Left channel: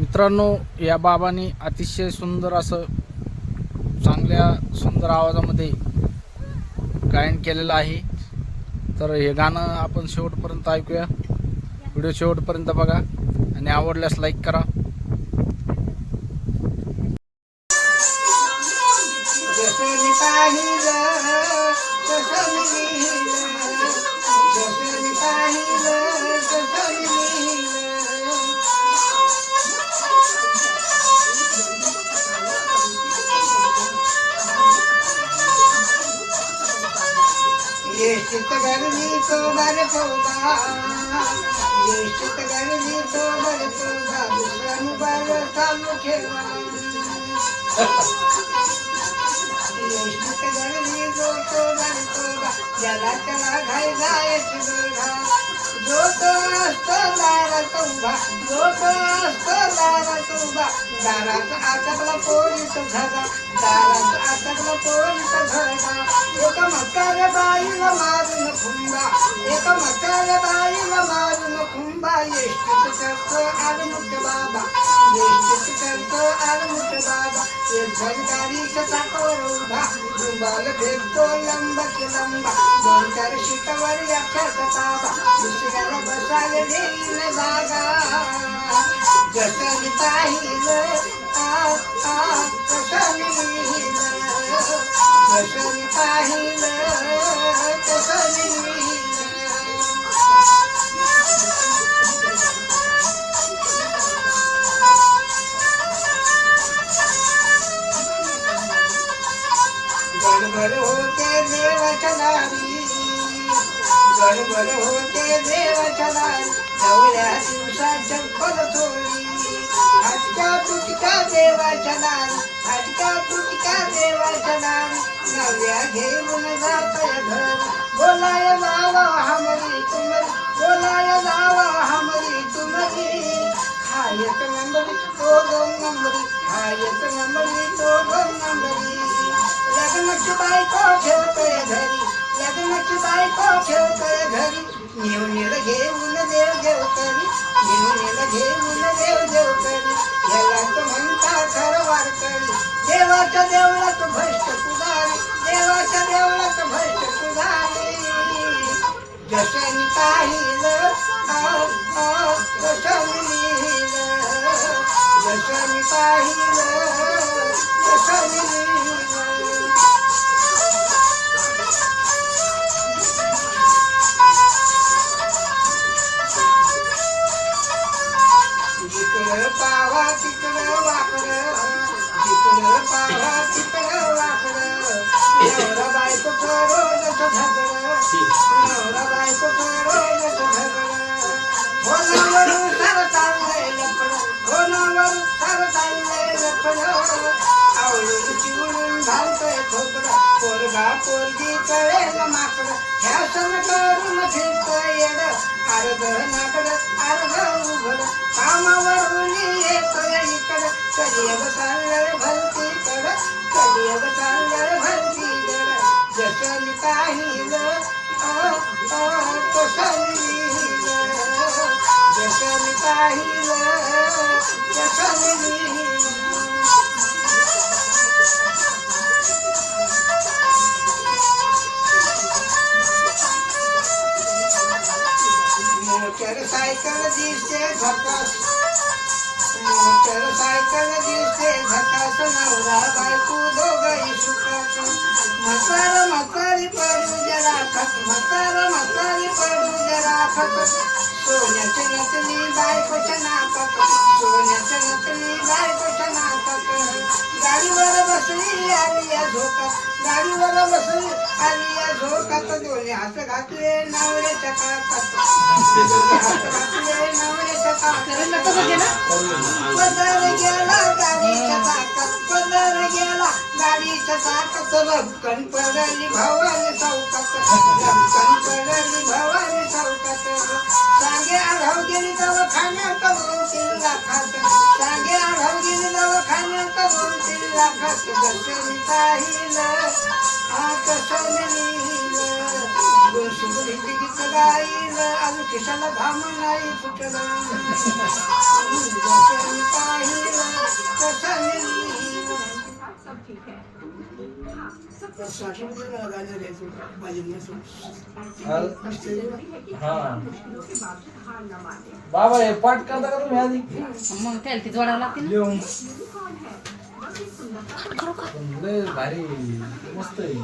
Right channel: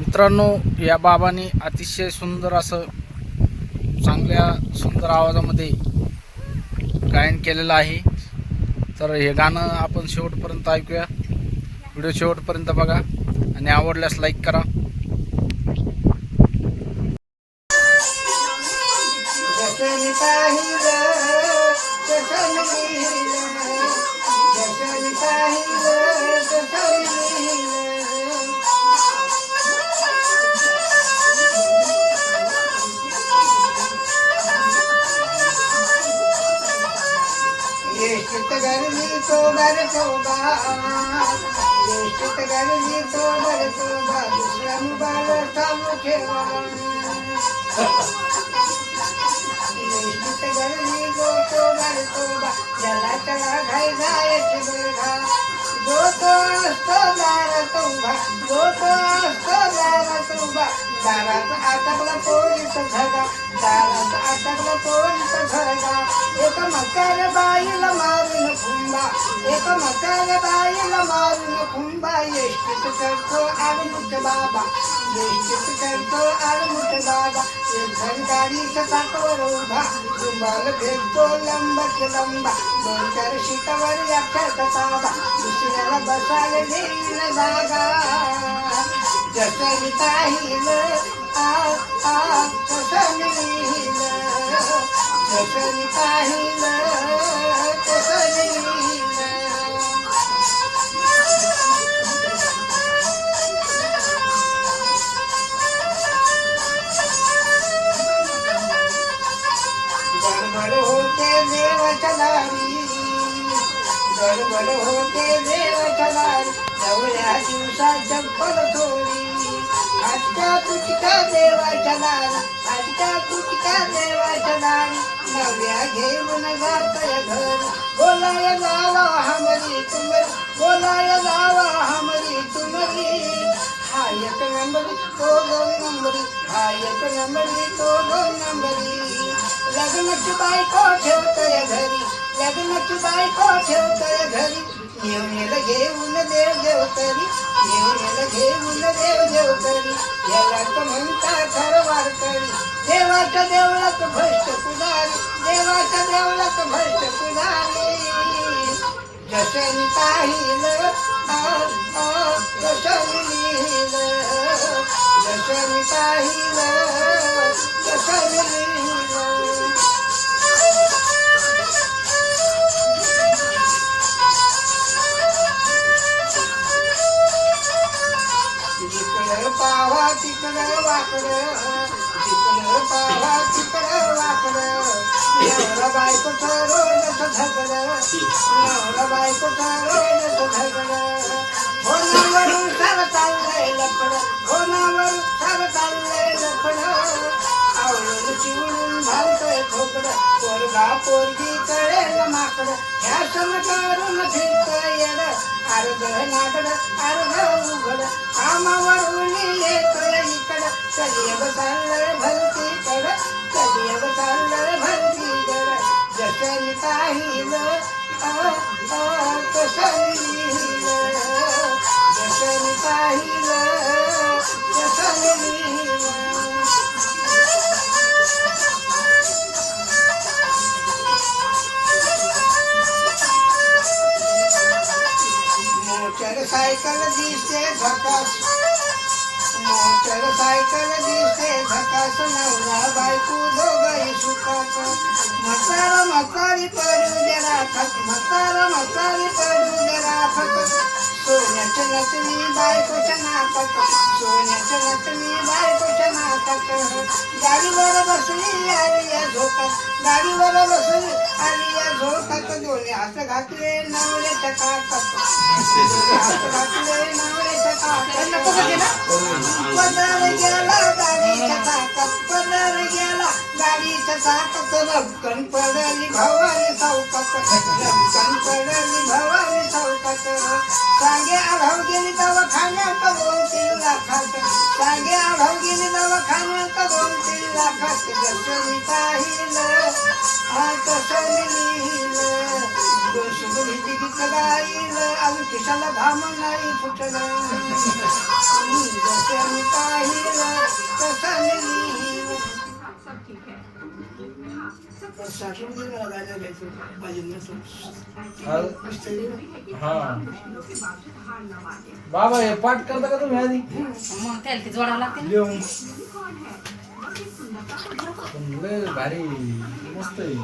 मित्रांनो या बाबांनी अतिशय सुंदर असं चांगल्या सुंदर आवाजामध्ये गायन केलेलं आहे. तर हे गाणं आपण शेवटपर्यंत ऐकूया. व्हिडिओ शेवटपर्यंत बघा आणि आवडल्यास लाईक करा. येशीत गरमी तो बर पोबा येशीत गरमी तो बर पोबा दुसरा मुबाल चालू ठेवा येशीत गरमी जो तो बर पोबा ज्याला त्याला घाई घायची बरघा जो तो असतो दारात उभा जो आटकला पोलीस आटकला पोलीस एक म्हातार बाईला मारून खुंबा एक म्हातार बाईला मारून खुंबा येष्टीत करतो आलमुठ बाबा येष्टीत करतो आलमुठ बाबा एक जण गाडीच्या चाकावर उभा रुमाल भेटतो लंबाचे लंबा दोन चार शिटावर व्याख्याचा ताबा दुसऱ्याला बसायला देईल जागा जसं मी पाहिलं देवाच्या गडबड होते देव दारी एवढ्या दिवसात चप्पल थोडी. आजच्या तुटका देवा दारी आजच्या तुटका देवा दारी नव्या घेऊन जातय घर बोलाय जावा हमरी तुमरी. बोलाय जावा हमरी तुमरी. हा एक नंबरी तो दोन नंबरी. हा एक नंबरी तो दोन नंबरी. लग्नाची बायको ठेवतोय घरी. लग्नाची बायको ठेवतोय घरी. नेवणीला घेऊन देव देव तरी. नेवणीला घेऊन देव देव तरी. याला तर म्हणता खरवार करी. देवाच्या देवळात भ्रष्ट पुजारी. देवाच्या देवळात भ्रष्ट पुजारी. जसन मी पाहिलं आ, लिहिलं. पाहिलं तसं मी लिहिलं इकडं पावा तिकडं वाकडं. इकडं पावा बायको रोज झगडं. नवरा बायको रोज झगडं. फोनावरून सर चाललंय ઠોકડ પોરગા પોરગી કરે, રમાકડ. ફેશન કરું નથી કયેડ આરદ નાકડ આરદ ઉઘડ. કામ વરુની એક નીકડ કરીએ બતાલર ભરતી કડ કરીએ બતાલર ભરતી કડ જશે કાહી सायकल दिसते झकास मोटर सायकल दिसते झकास नवरा बायको दोघही सुखास. म्हातार म्हातारी पडू जरा खत म्हातार म्हातारी पडू जरा खत सोन्याच्या नटनी बायकोच्या नाकात. सोन्याच्या नटनी बायकोच्या नाकात. गाडीवर बसली आली गाडीवर बसली आली या झोकात दोन्ही हात घातले नवऱ्याच्या काकात हात घातले नवऱ्याच्या काकात पदर गेला? गाडीच्या चाकात पदर गेला गाडीच्या चाकात लपकन पडली भवानी चौकात. लपकन पडली भवानी चौकात. सांगे आढाव गेली दवाखान्यात दोन तीन लाखात. सांगे आढाव गेली दवाखान्यात दोन तीन लाखात दर्शनी पाहिलं आ कसं लिहिलं दोष बुली गीत गाईल आणि खिशाला घाम नाही फुटलं. दर्शनी पाहिलं घ्यायचं हा बाबा हे पाठ करता का तुम्ही आधी? मग त्याला ती जोडावं लागते ना. लय भारी मस्त आहे.